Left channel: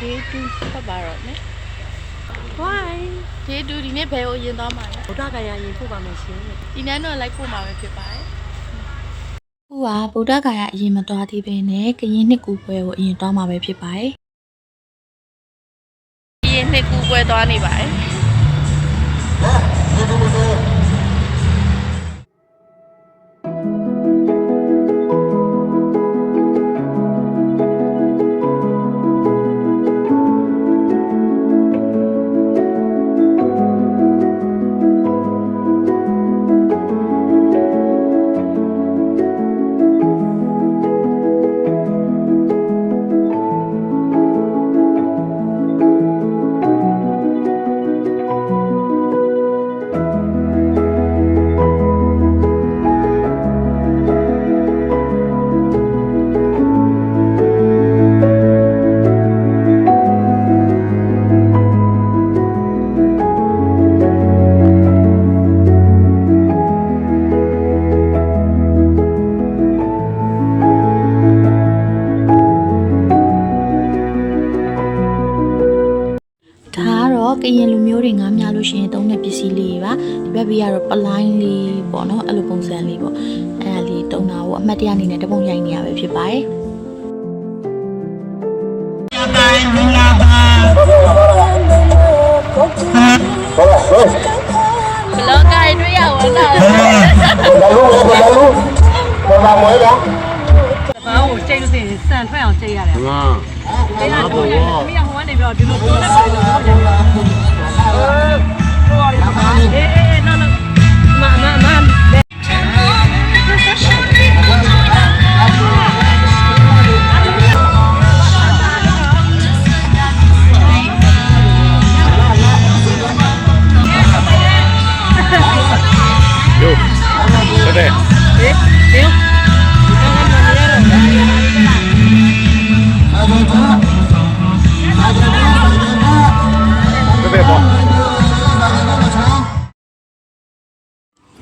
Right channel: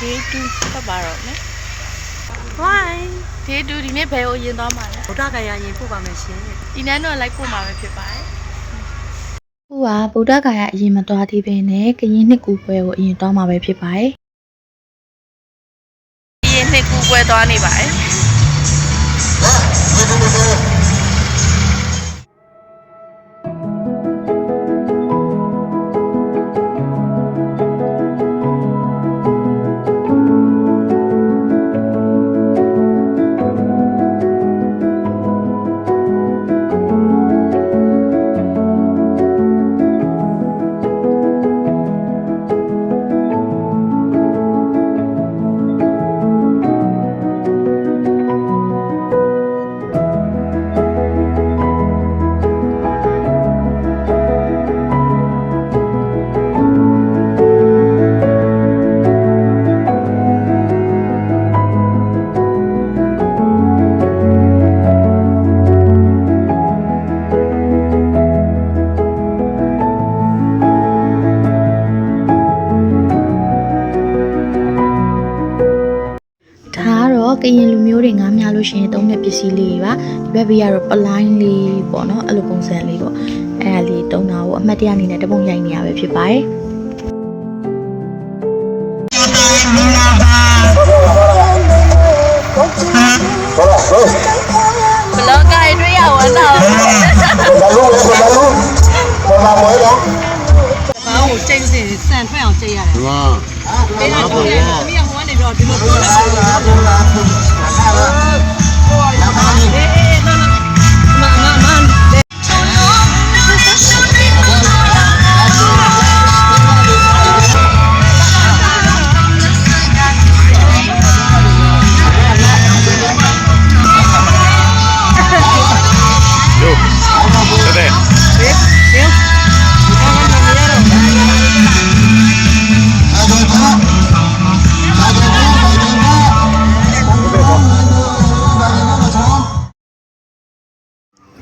Day 2ဖတ်ပါတော့မယ် Why Day 2ဒီနေ့ဘယ်ကိုရင်သွားမှာလဲဗုဒ္ဓဂယာရင်ပို့ပါမယ်ရှင်ဒီနန်းတော့လိုက်ပို့မှာပဲဖြစ်ပါတယ်ဟိုကဗုဒ္ဓဂယာအရင်မသွားသေးပဲနဲ့ကရင်နှစ်ကူပွဲကိုအရင်သွားမှာပဲဖြစ်ပါတယ်ကရင်နှစ်ကူပွဲသွားနေပါတယ်ကရင်လူမျိုးတွေငားများလို့ရှိရင်သုံးတဲ့ပစ္စည်းလေးတွေပါဒီဘက်ဘေးကတော့ပလိုင်းလေးပေါ့နော်အဲ့လိုပုံစံလေးပေါ့အဲ့ဒါလေးတုံးတာကိုအမှတ်တရအနေနဲ့တပုံရိုက်နေရပဲဖြစ်ပါတယ်ဘလော့ဂိုင်တွေ့ရဝမ်းသာဘာကိုကြိတ်လို့စင်စံထွက်အောင်ကြိတ်ရတယ်ဟုတ်ပါပေးတာတော့ရမီးကဟိုကနေပြီးတော့ဒီလိုပို့လိုက်ပါနော်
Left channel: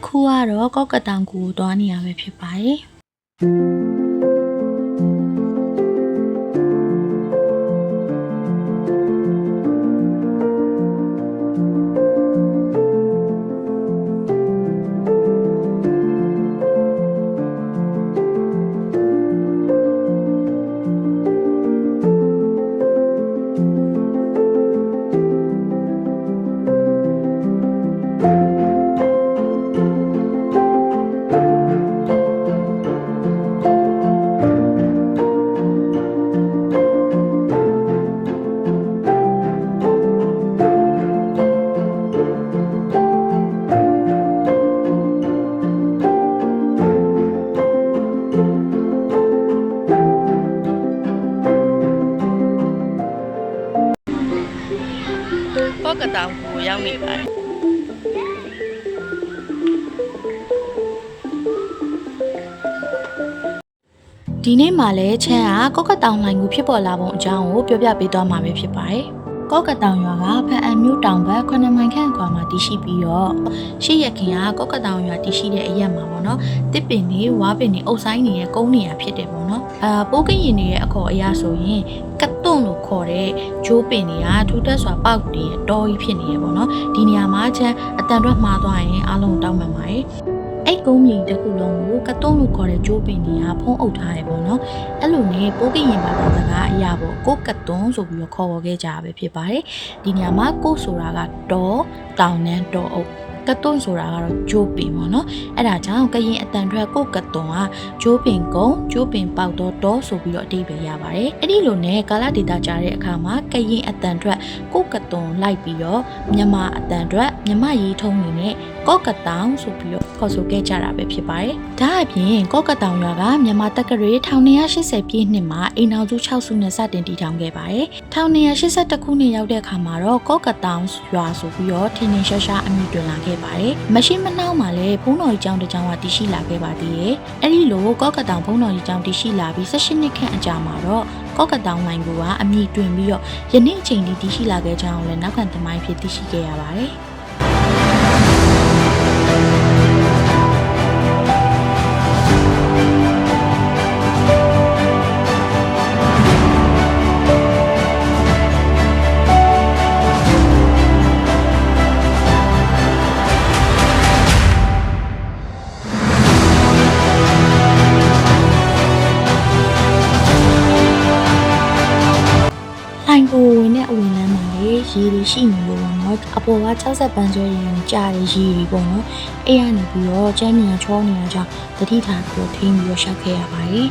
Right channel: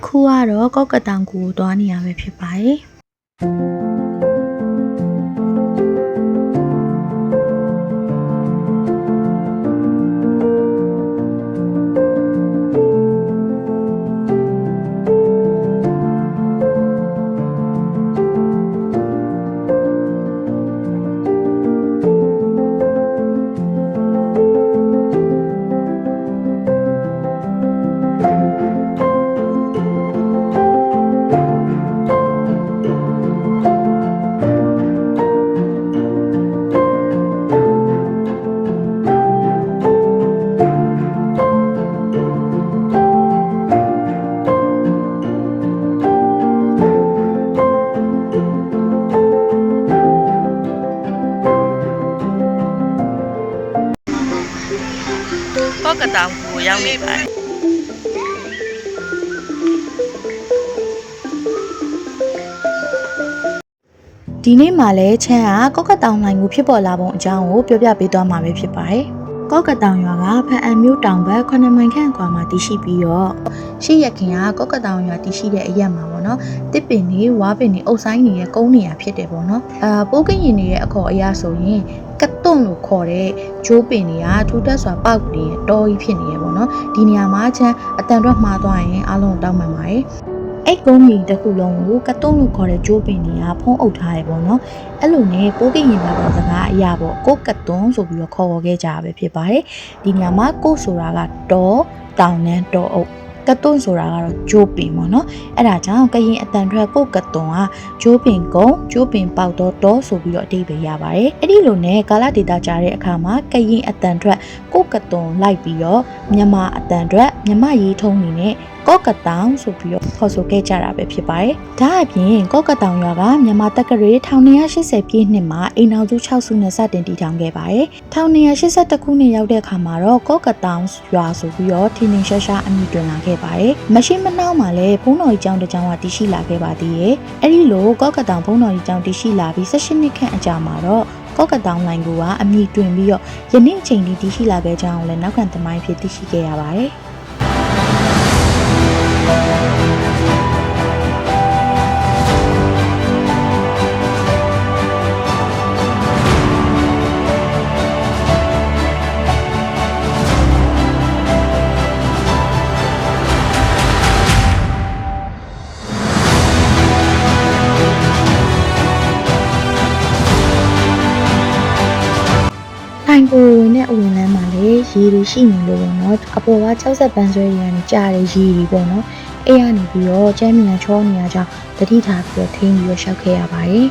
ခုကတော့ကောက်ကတောင်ကူကိုသွားနေရပဲဖြစ်ပါတယ်ကောက်ကတောင်ကူကိုရောက်နေပါတယ်ဒီနေ့မှလည်းချမ်းကကောက်ကတောင်လိုင်းကိုဖြစ်ပေါ်လာပုံအကြောင်းကိုပြောပြပေးသွားမှာပဲဖြစ်ပါတယ်ကောက်ကတောင်ရွာကဖန်အံမြို့တောင်ဘက်9မိုင်ခန့်ကွာမှာတည်ရှိပြီးတော့ရှေ့ရခင်ကကောက်ကတောင်ရွာတည်ရှိတဲ့အရက်မှာပေါ့နော်တစ်ပင်တွေဝါးပင်တွေအုပ်ဆိုင်နေတဲ့ကုန်းနေရာဖြစ်တယ်ပေါ့နော်ပိုးကရင်တွေရဲ့အခေါ်အရဆိုရင်ကတွန့်လို့ခေါ်တဲ့ဂျိုးပင်တွေကထူးတက်စွာပေါက်နေတော်ကြီးဖြစ်နေရပေါ့နော်ဒီနေရာမှာချမ်းအတန်တော့မှားသွားရင်အားလုံးတောင်းပန်ပါတယ်အဲ့ကုန်းကြီးတစ်ခုလုံးကိုကတွန့်လို့ခေါ်တဲ့ဂျိုးပင်တွေကဖုံးအုပ်ထားရပေါ့နော်အဲ့လိုနဲ့ပိုးကရင်ဘာသာစကားအရာပေါ့ကိုကတွန့်ဆိုပြီးတော့ခေါ်ခဲ့ကြတာပဲဖြစ်ပါတယ်ဒီနေရာမှာကိုဆိုတာကတော်တောင်နဲ့တော်အုပ်ကတွန့်ဆိုတာကတော့ဂျိုးပင်ပေါ့နော်အဲ့ဒါကြောင့်ကရင်အတန်ထွက်ကိုကတွန့်ကဂျိုးပင်ကုန်းဂျိုးပင်ပေါက်တော့ဆိုပြီးတော့အဓိပ္ပာယ်ရပါတယ်အဲ့ဒီလိုနဲ့ကာလဒေတာကြားတဲ့အခါမှာကရင်အတန်ထွက်ကိုကတွန့်လိုက်ပြီးတော့မြန်မာအတန်ထွက်မြန်မာရေးထုံးနေနဲ့ကောက်ကတောင်ဆိုပြီးတော့ခေါ်ဆိုခဲ့ကြတာပဲဖြစ်ပါတယ်ဒါအပြင်ကောက်ကတောင်ရွာကမြန်မာတက္ကရာ1280ပြည့်နှစ်မှာအိမ်အောင်စု6စုနဲ့စတင်တည်ထောင်ခဲ့ပါတယ်1281ခုနှစ်ရောက်တဲ့အခါမှာတော့ကောက်ကတောင်ရွာဆိုပြီးတော့ထင်းထင်းရှားရှားအမည်တွင်လာခဲ့ပါတယ်မရှိမနှောင်းမှာလည်းဘုန်းတော်ကြီးကျောင်းတစ်ကျောင်းကတည်ရှိလာခဲ့ပါသေးတယ်အဲ့ဒီလိုကောက်ကတောင်ဘုန်းတော်ကြီးကျောင်းတည်ရှိလာပြီး18နှစ်ခန့်အကြာမှာတော့ကောက်ကတောင်လိုင်းကအမည်တွင်ပြီးတော့ယနေ့အချိန်ထိတည်ရှိလာခဲ့ကြောင်းလည်းနောက်ခံသမိုင်းဖြစ်သိရှိခဲ့ရပါတယ် ထိုင်ကိုဝင်တဲ့အဝင်လမ်းမှာလေရေတွေရှိနေလို့ပေါ့နော်အပေါ်က60ပန်းဆွဲရေကနေကြားတဲ့ရေတွေပေါ့နော်အဲ့ရနေပြီးတော့ကျမ်းမြန်ချောနေရကြောင်းတတိထားပြီးတော့ထိန်းပြီးတော့ရှောက်ခဲ့ရပါတယ်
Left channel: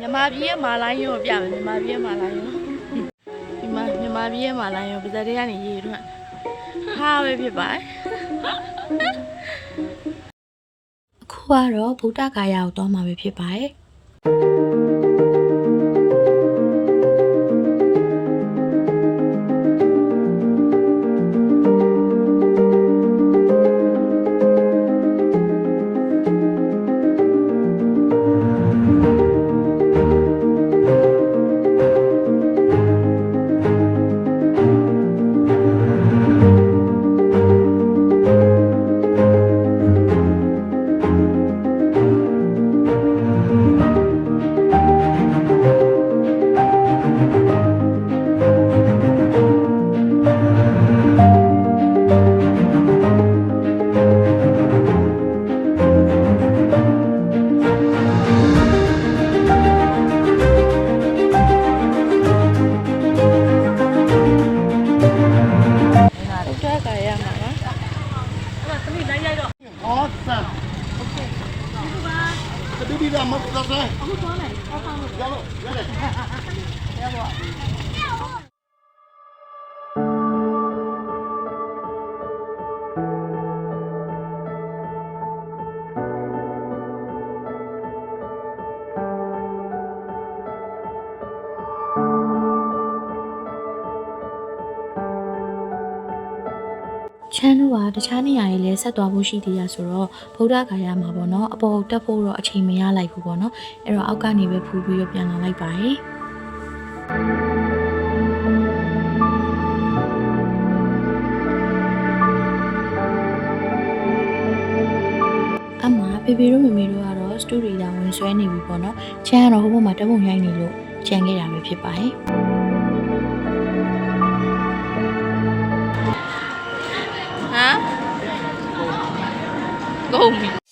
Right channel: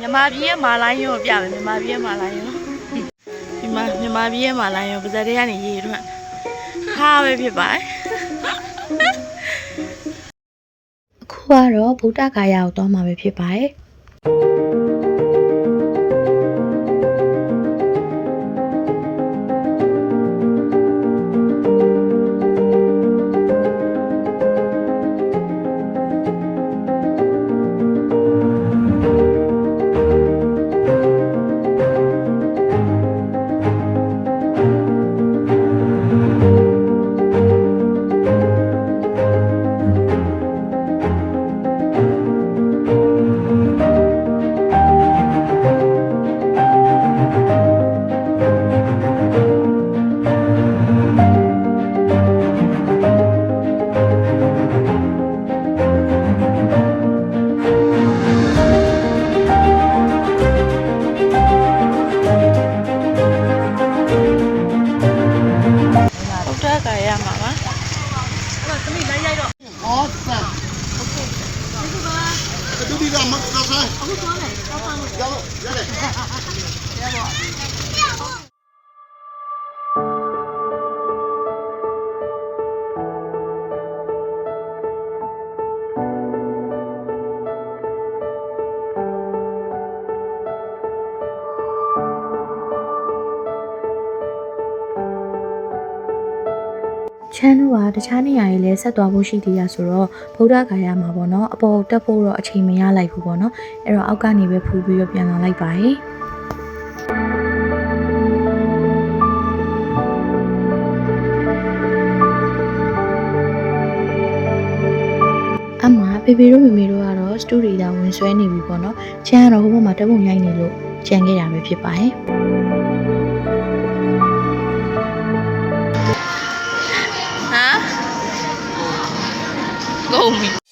မြန်မာပြည်ရဲ့မာလိုင်းရုံကိုပြမယ်မြန်မာပြည်ရဲ့မာလိုင်းရုံဒီမှာမြန်မာပြည်ရဲ့မာလိုင်းရုံပါဇက်တွေကနေရေထွက်ဟာပဲဖြစ်ပါတယ်အခုကတော့ဗုဒ္ဓဂါယာကိုသွားမှာပဲဖြစ်ပါတယ်ချမ်းတို့ကတခြားနေရာတွေလည်းဆက်သွားဖို့ရှိသေးရဆိုတော့ဗုဒ္ဓဂါယာမှာပေါ့နော်အပေါ်တက်ဖို့တော့အချိန်မရလိုက်ဘူးပေါ့နော်အဲ့တော့အောက်ကနေပဲဖူးပြီးတော့ပြန်လာလိုက်ပါတယ်အမဖေဖေတို့မေမေတို့ကတော့စတူဒီတာဝင်ဆွဲနေပြီပေါ့နော်ချမ်းကတော့ဟိုဘက်မှာတက်ပုံရိုက်နေလို့ကြံခဲ့ရပဲဖြစ်ပါတယ်ကုန်ပြီ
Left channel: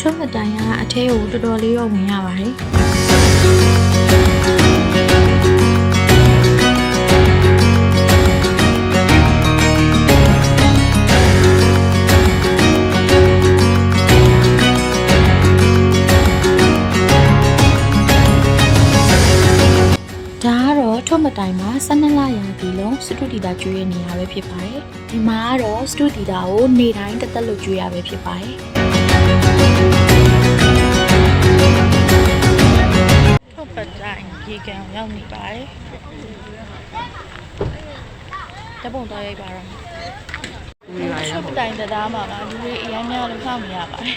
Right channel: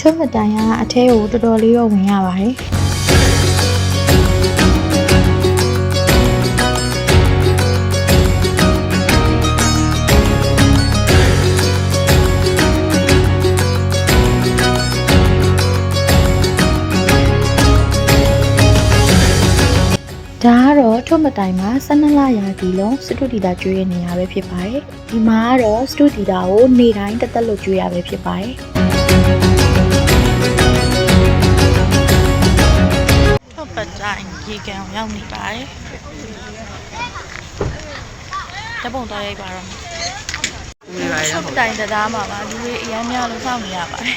ထွန်းမတိုင်ကအထဲကိုတော်တော်လေးတော့ဝင်ရပါတယ်ဒါကတော့ထွန်းမတိုင်မှာ12လရာသီလုံးစတူဒီတာကျွေးရနေရပဲဖြစ်ပါတယ်ဒီမှာကတော့စတူဒီတာကိုနေ့တိုင်းတက်တက်လို့ကျွေးရပဲဖြစ်ပါတယ်ပတ်တိုင်းရေကန်ရောက်နေပါတယ်တပုံတော့ရိုက်ပါတော့ချုပ်တိုင်တရားမှာပါလူတွေအများများလို့စောင့်နေရပါတယ်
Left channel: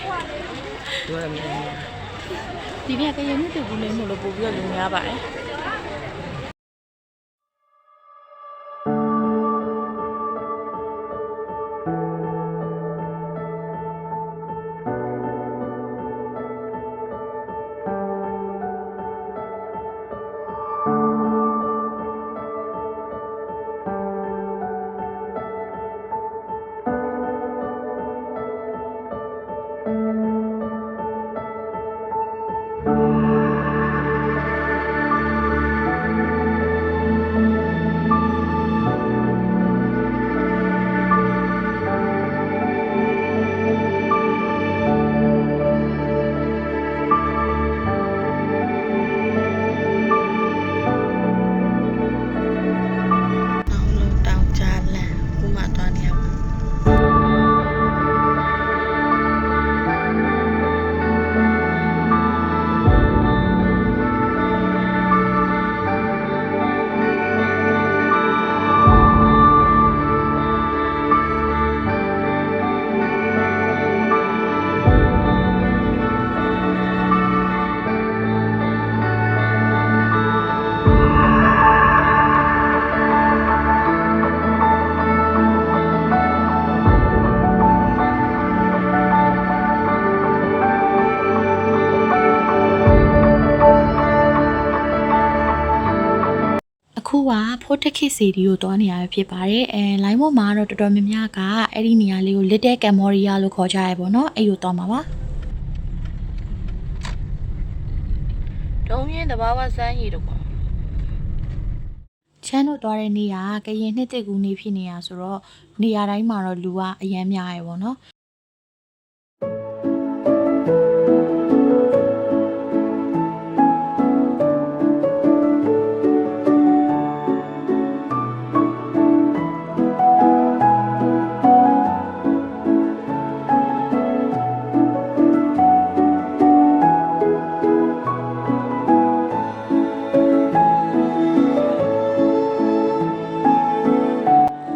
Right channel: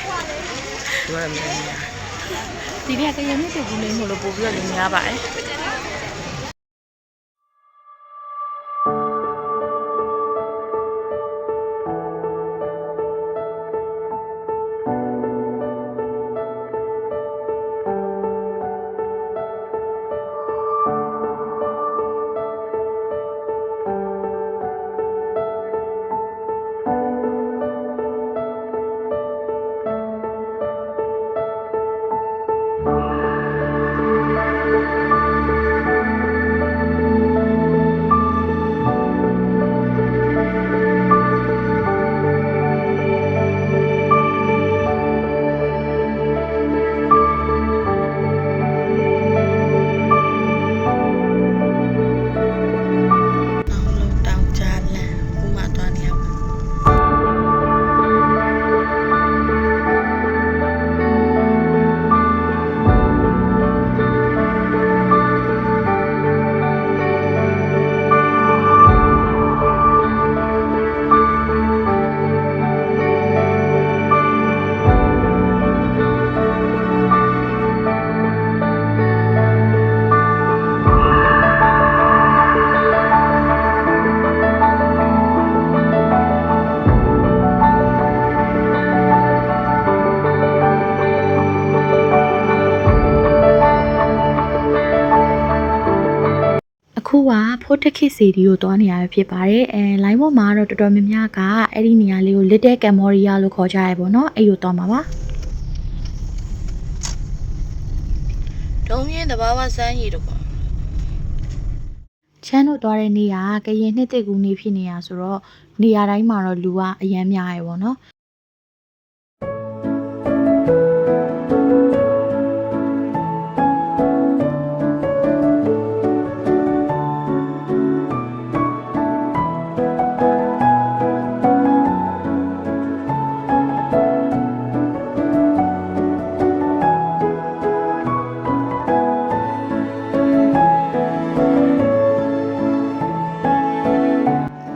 ဒီနေ့ကရမြစ်တူဘူးလေးမို့လို့ပို့ပြီးတော့လူများပါတယ် အခုကဖိုးတက်ခစ်စီဒီကိုတွားနေရဖြစ်ပါတယ်လိုင်းပေါ်မှာတော့တော်တော်များများကအဲ့ဒီနေရာလေးကို Little Cambodia လို့ခေါ်ကြရပေါ့နော်အဲ့လိုတွားမှာပါတုံးရင်တဘာဝစမ်းရည်တော့ချမ်းတို့တွားတဲ့နေရာကရင်နှစ်တစ်ကူနေဖြစ်နေရဆိုတော့နေရာတိုင်းမှာတော့လူကအရန်များရပေါ့နော်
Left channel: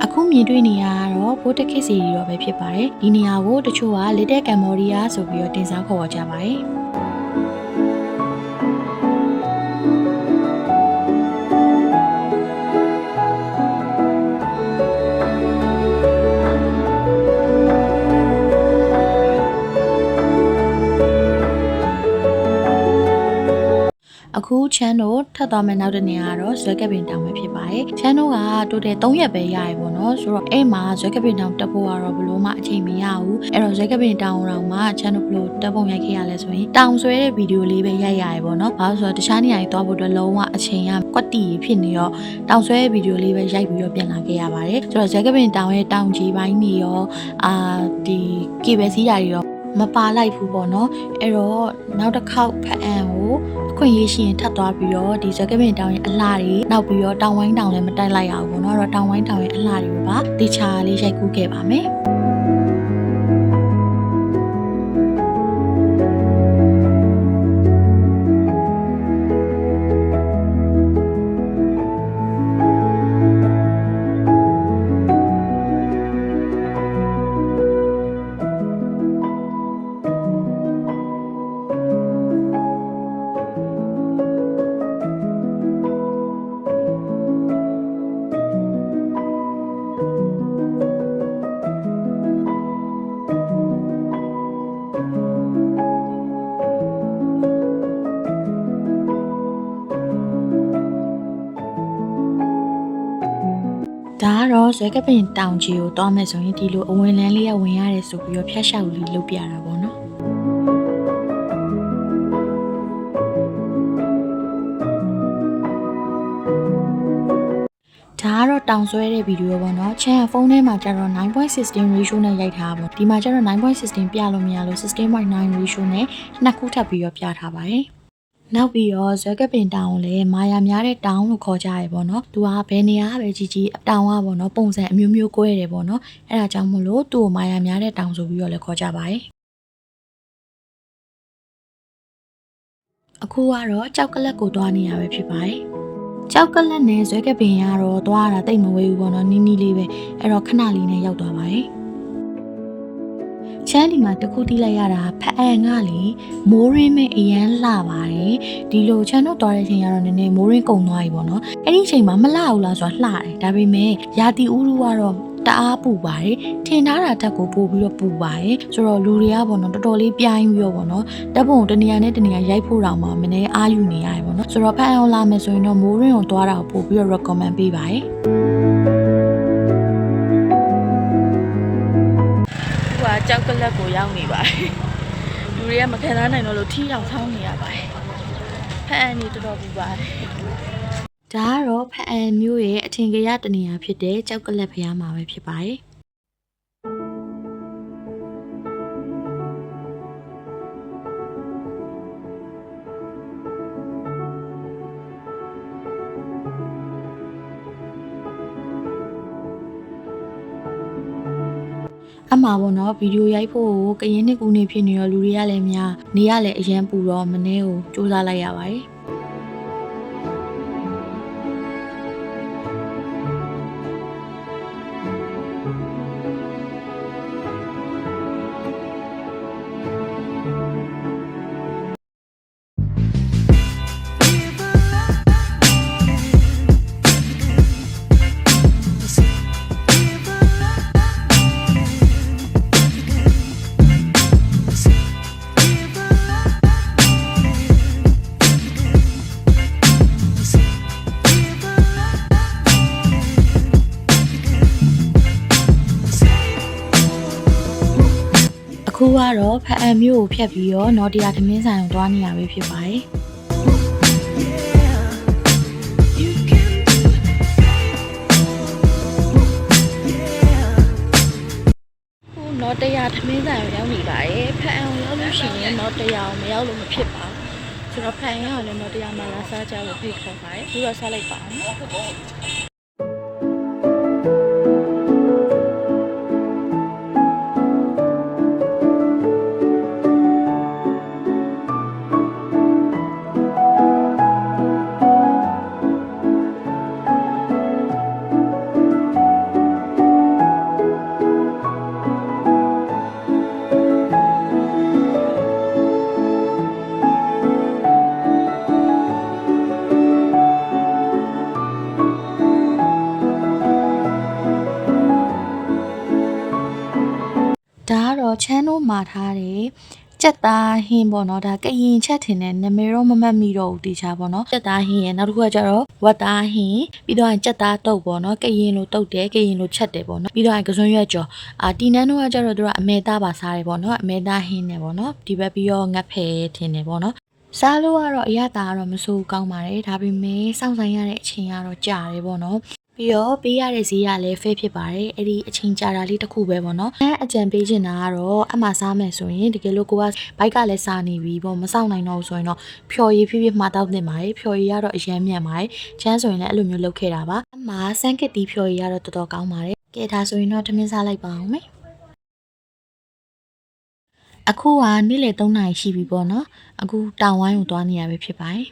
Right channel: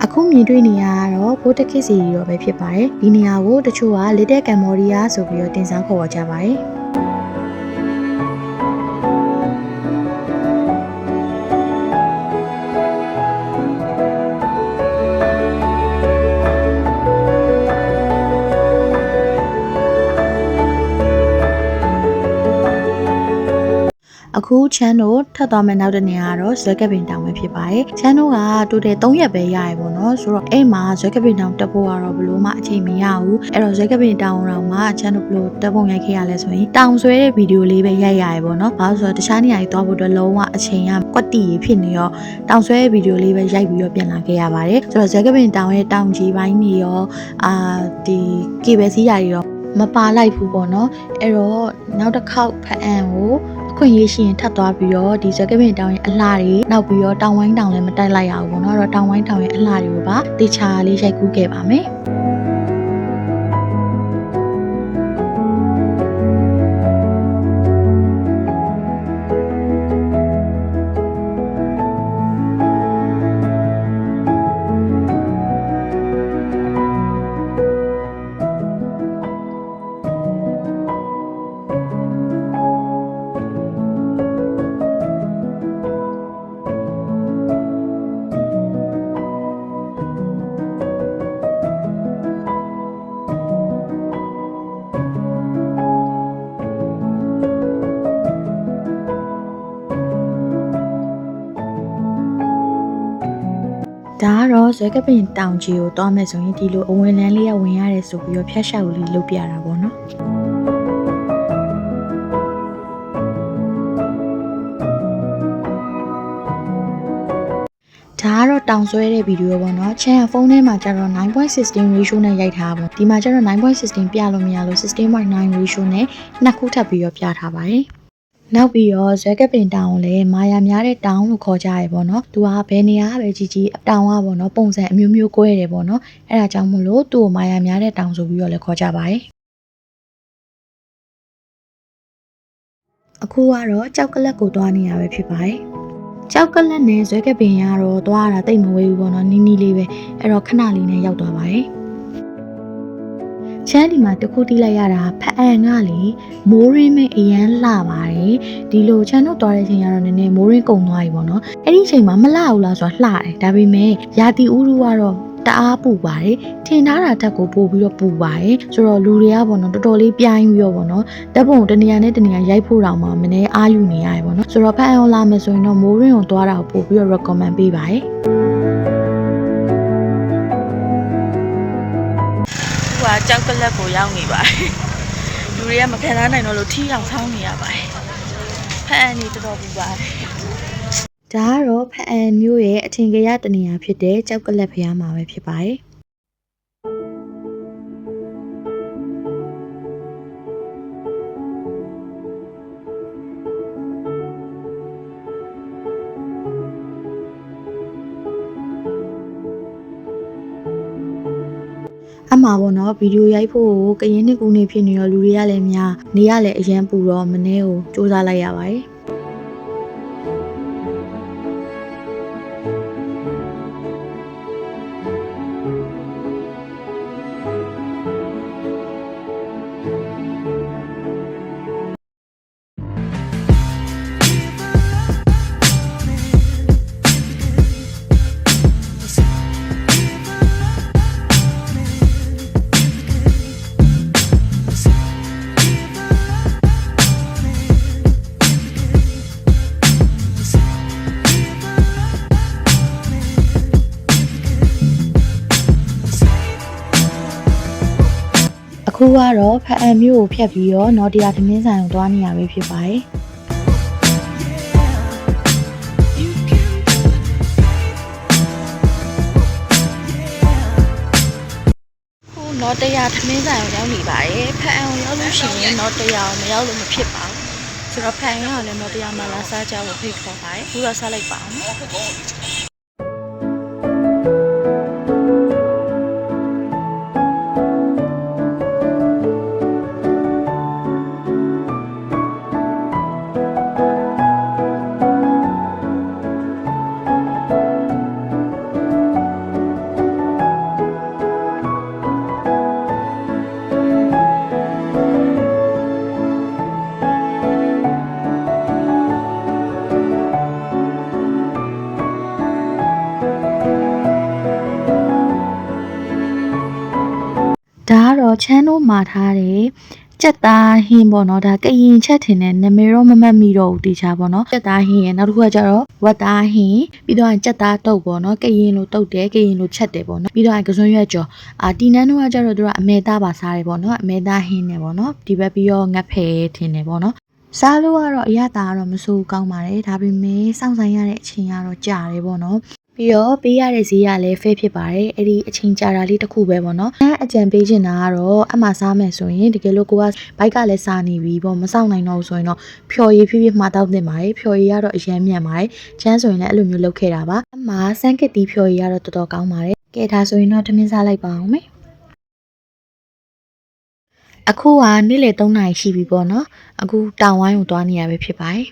အခုမြင်တွေ့နေရတော့ဖိုးတက်ခစ်စီရီတော့ပဲဖြစ်ပါတယ်ဒီနေရာကိုတချို့က Little Cambodia ဆိုပြီးတော့တင်စားခေါ်ကြပါတယ်အခုချမ်းတို့ထပ်သွားမယ်နောက်တဲ့နေရာကတော့ဇွဲကပင်တောင်ပဲဖြစ်ပါတယ်ချမ်းတို့ကတိုတယ်3ရက်ပဲရရပေါ့နော်ဆိုတော့အဲ့မှာဇွဲကပင်တောင်တက်ဖို့ကတော့ဘလို့မှအချိန်မရဘူးအဲ့တော့ဇွဲကပင်တောင်တော့မှချမ်းတို့ဘလို့တက်ပုံရိုက်ခဲ့ရလဲဆိုရင်တောင်ဆွဲတဲ့ဗီဒီယိုလေးပဲရိုက်ရရပေါ့နော်ဘာလို့ဆိုတော့တခြားနေရာကြီးသွားဖို့အတွက်လုံးဝအချိန်ကကွက်တီဖြစ်နေရောတောင်ဆွဲတဲ့ဗီဒီယိုလေးပဲရိုက်ပြီးတော့ပြန်လာခဲ့ရပါတယ်ဆိုတော့ဇွဲကပင်တောင်ရဲ့တောင်ကြီးပိုင်းနေရောဒီကေဘယ်စီးရာတွေရောမပါလိုက်ဘူးပေါ့နော်အဲ့တော့နောက်တစ်ခေါက်ဖအံကိုခွင့်ရရှိရင်ထပ်သွားပြီးတော့ဒီဇက်ကပင်တောင်ရဲ့အလှတွေနောက်ပြီးတော့တောင်ဝိုင်းတောင်လည်းမတိုက်လိုက်ရဘူးပေါ့နော်အဲ့တော့တောင်ဝိုင်းတောင်ရဲ့အလှတွေကိုပါတေချာလေးရိုက်ကူးခဲ့ပါမယ်ဒါကတော့ဇွဲကပင်တောင်ကြီးကိုတွားမယ်ဆိုရင်ဒီလိုအဝင်လန်းလေးရဝင်ရတယ်ဆိုပြီးတော့ဖျက်ရှောက်လေးလုပ်ပြတာပေါ့နော်ဒါကတော့တောင်ဆွဲတဲ့ဗီဒီယိုပေါ့နော်ချမ်းဖုန်းထဲမှာကျတော့ 9.16 ratio နဲ့ရိုက်ထားပါဒီမှာကျတော့ 9.16 ပြလို့မရလို့ 16.9 ratio နဲ့နှစ်ခုထပ်ပြီးတော့ပြထားပါတယ်နောက်ပြီးတော့ဇွဲကပင်တောင်ကိုလည်းမာယာများတဲ့တောင်လို့ခေါ်ကြရပေါ့နော်သူကဘယ်နေရာပဲကြီးကြီးတောင်ကပေါ့နော်ပုံစံအမျိုးမျိုးကွဲတယ်ပေါ့နော်အဲ့ဒါကြောင့်မို့လို့သူ့ကိုမာယာများတဲ့တောင်ဆိုပြီးတော့လည်းခေါ်ကြပါတယ်အခုကတော့ကြောက်ကလတ်ကိုတွားနေရပဲဖြစ်ပါတယ်ကြောက်ကလတ်နဲ့ဇွဲကပင်ကတော့တွားရတာတိတ်မဝေးဘူးပေါ့နော်နီးနီးလေးပဲအဲ့တော့ခဏလေးနဲ့ရောက်သွားပါတယ်ချမ်းဒီမှာတခုတီးလိုက်ရတာဖအံကလေမိုးရင်းမဲ့အရန်လှပါတယ်ဒီလိုချမ်းတို့သွားတဲ့အချိန်ကတော့နည်းနည်းမိုးရင်းကုန်သွားပြီပေါ့နော်အဲ့ဒီအချိန်မှာမလှဘူးလားဆိုတာလှတယ်ဒါပေမဲ့ရာသီဥတုကတော့တအားပူပါတယ်ထင်ထားတာတက်ကိုပို့ပြီးတော့ပူပါတယ်ဆိုတော့လူတွေကပေါ့နော်တော်တော်လေးပြိုင်းပြီးတော့ပေါ့နော်တက်ပုံတနေရာနဲ့တနေရာရိုက်ဖို့တောင်မှမနေအားယူနေရတယ်ပေါ့နော်ဆိုတော့ဖအံလာမယ်ဆိုရင်တော့မိုးရင်းကိုသွားတာကိုပို့ပြီးတော့ recommend ပေးပါတယ်ကြောက်ကလက်ကိုရောက်နေပါတယ်လူတွေကမခံစားနိုင်တော့လို့ထီးအောင်ဆောင်းနေရပါတယ်ဖအံနေတော်တော်ပူပါတယ်ဒါကတော့ဖအံမျိုးရဲ့အထင်ကရတနေရာဖြစ်တဲ့ကြောက်ကလက်ဖျားမှာပဲဖြစ်ပါတယ်အမှားပေါ့နော်ဗီဒီယိုရိုက်ဖို့ကရင်နှစ်ကူနေဖြစ်နေရောလူတွေကလည်းများနေရလည်းအရန်ပူတော့မနေ့ကိုစူးစမ်းလိုက်ရပါတယ် အခုကတော့ဖအံမျိုးကိုဖြတ်ပြီးတော့နော်တရားသမင်းဆိုင်ကိုသွားနေရပဲဖြစ်ပါတယ်နော်တရားသမင်းဆိုင်ကိုရောက်နေပါတယ်ဖအံကိုရောက်လို့ရှိရင်နော်တရားကိုမရောက်လို့မဖြစ်ပါဘူးဆိုတော့ဖအံရောက်လည်းနော်တရားမှာလာစားကြဖို့ဖိတ်ခေါ်ပါတယ်အခုတော့စားလိုက်ပါအောင်ဒါကတော့ချမ်းတို့မှာထားတယ်ကြက်သားဟင်းပေါ့နော်ဒါကရင်ချက်ထင်တဲ့နာမည်တော့မမှတ်မိတော့ဘူးတေချာပေါ့နော်ကြက်သားဟင်းရယ်နောက်တစ်ခုကကျတော့ဝက်သားဟင်းပြီးတော့ကြက်သားတုပ်ပေါ့နော်ကရင်လိုတုပ်တယ်ကရင်လိုချက်တယ်ပေါ့နော်ပြီးတော့ကစွန်းရွက်ကြော်တီနန်းတို့ကကျတော့သူကအမဲသားပါစားတယ်ပေါ့နော်အမဲသားဟင်းနဲ့ပေါ့နော်ဒီဘက်ပြီးတော့ငတ်ဖဲထင်တယ်ပေါ့နော်စားလို့ကတော့အရသာကတော့မဆိုးကောင်းပါတယ်ဒါပေမဲ့စောင့်ဆိုင်ရတဲ့အချိန်ကတော့ကြာတယ်ပေါ့နော်ပြီးတော့ပေးရတဲ့ဈေးကလည်း fair ဖြစ်ပါတယ်အဲ့ဒီအချိန်ကြာတာလေးတစ်ခုပဲပေါ့နော်အကြံပေးချင်တာကတော့အမှစားမယ်ဆိုရင်တကယ်လို့ကိုကဘိုက်ကလည်းစားနေပြီပေါ့မစောင့်နိုင်တော့ဘူးဆိုရင်တော့ဖြော်ရည်ဖြည်းဖြည်းမှာတောက်တင်ပါတယ်ဖြော်ရည်ကတော့အရန်မြန်ပါတယ်ချမ်းဆိုရင်လည်းအဲ့လိုမျိုးလုပ်ခဲ့တာပါအမှစမ်းကစ်တီးဖြော်ရည်ကတော့တော်တော်ကောင်းပါတယ်ကဲဒါဆိုရင်တော့ထမင်းစားလိုက်ပါအောင်မေအခုကနေ့လေ3နာရီရှိပြီပေါ့နော်အခုတောင်ဝိုင်းကိုသွားနေရပဲဖြစ်ပါတယ်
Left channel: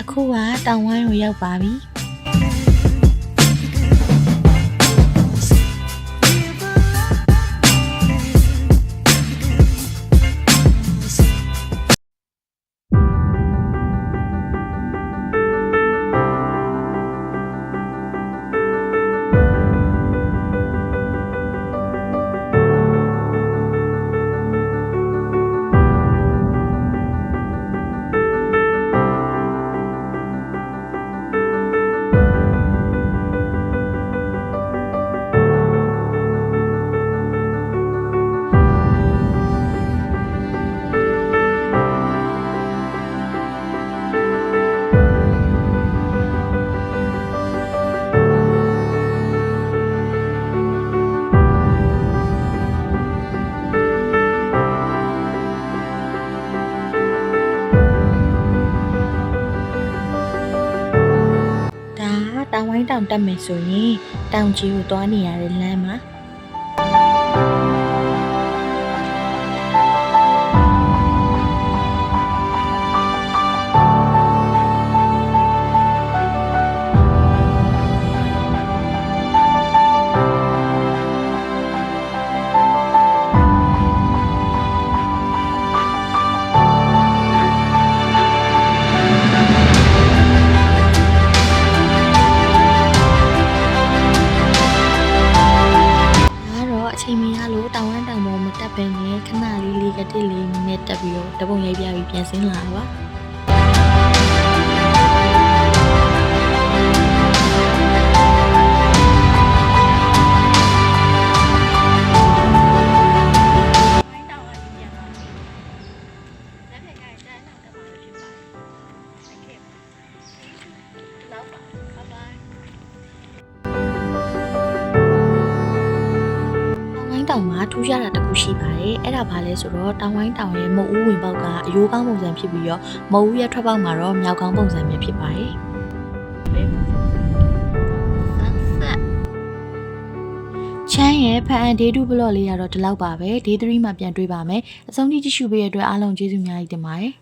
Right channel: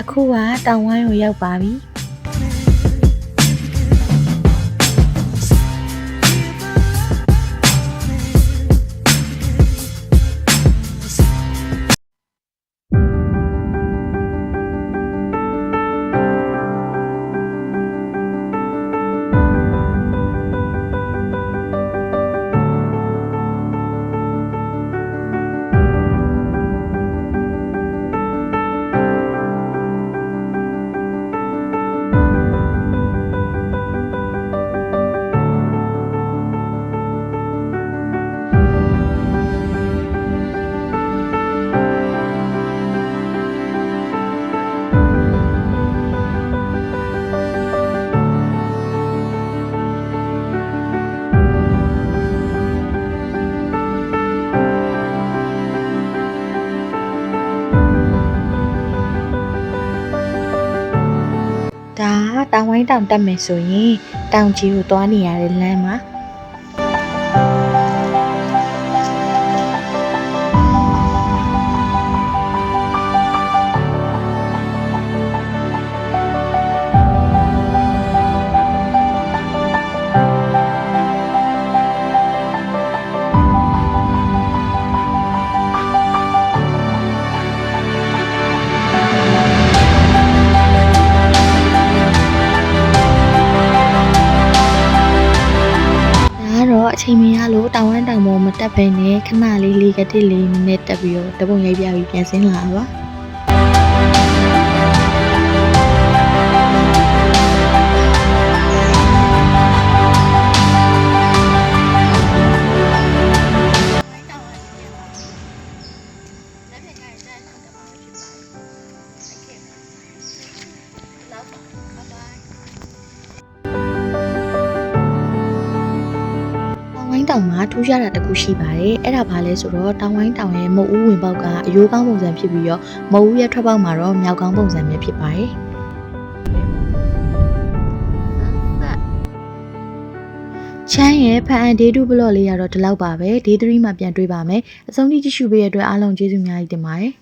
အခုကတောင်ဝိုင်းကိုရောက်ပါပြီဒါတောင်ဝိုင်းတောင်တက်မယ်ဆိုရင်တောင်ကြီးကိုသွားနေရတဲ့လမ်းမှာအချိန်မရလို့တောင်ဝမ်းတောင်ပေါ်မတက်ဘဲနဲ့ခဏလေးကတစ်လေးနဲ့တက်ပြီးတော့တပုံရိုက်ပြပြီးပြန်ဆင်းလာပါ တောင်မှာထူးခြားတာတစ်ခုရှိပါတယ်အဲ့ဒါဘာလဲဆိုတော့တောင်ဝိုင်းတောင်ရဲ့မုတ်ဦးဝင်ပေါက်ကအယိုးကောင်းပုံစံဖြစ်ပြီးတော့မုတ်ဦးရဲ့ထွက်ပေါက်မှာတော့မြောက်ကောင်းပုံစံမျိုးဖြစ်ပါတယ်ချမ်းရဲ့ဖန်အန်ဒေးတူဘလော့လေးကတော့ဒီလောက်ပါပဲဒေး3မှာပြန်တွေ့ပါမယ်အဆုံးထိကြည့်ရှုပေးရတဲ့အတွက်အားလုံးကျေးဇူးများကြီးတင်ပါတယ်